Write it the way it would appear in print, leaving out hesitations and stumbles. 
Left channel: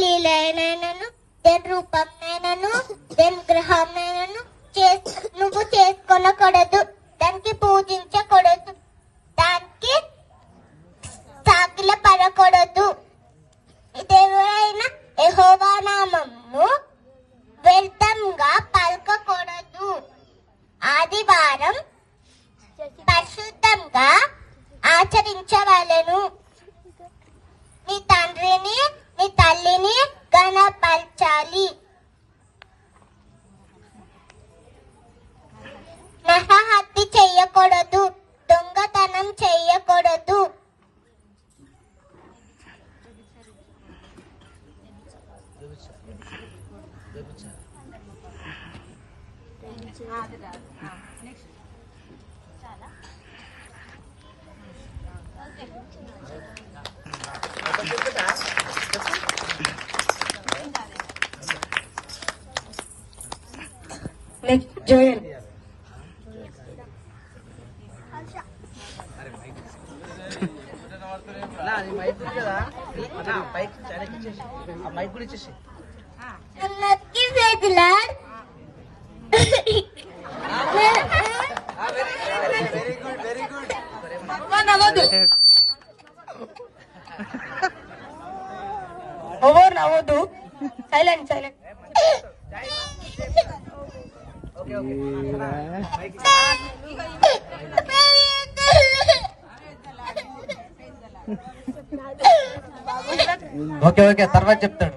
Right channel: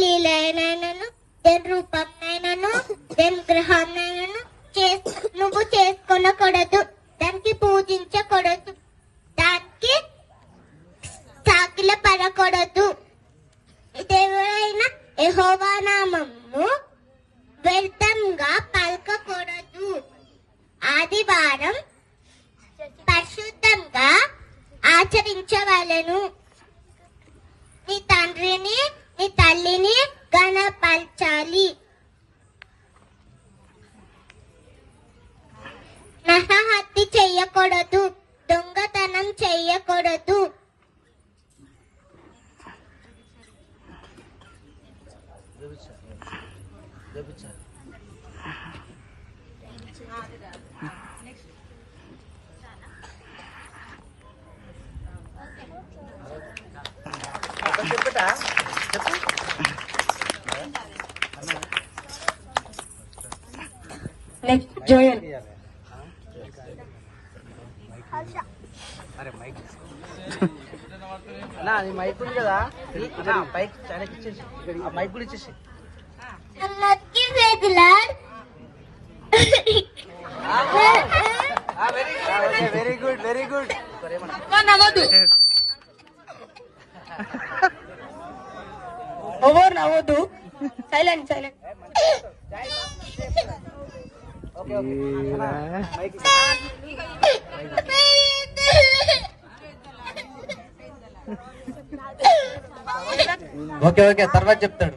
లీలైనను దేని రూపంనైనను దేని గ్రహాన్నైనను నువ్వు చేసుకొనకూడదు, దానికి పూజించకూడదు, దానికి సాకిల పడకూడదు. దేవుడైన యెహోవా నామమును వ్యర్థంగా పలకకూడదు. ఆదివారం పరిశుద్ధంగా ఆచరించవలెను. నీ తండ్రిని నీ తల్లిని ఘనపరచాలి. నరహత్య చెయ్యకూడదు, దొంగతనం చెయ్యకూడదు, నెక్స్ట్ జోయల్. ఓవర్ నవ్వద్దు, సైలెంట్ సైలెంట్. ఓకే ఓకే తర్వాత చెప్తాడు.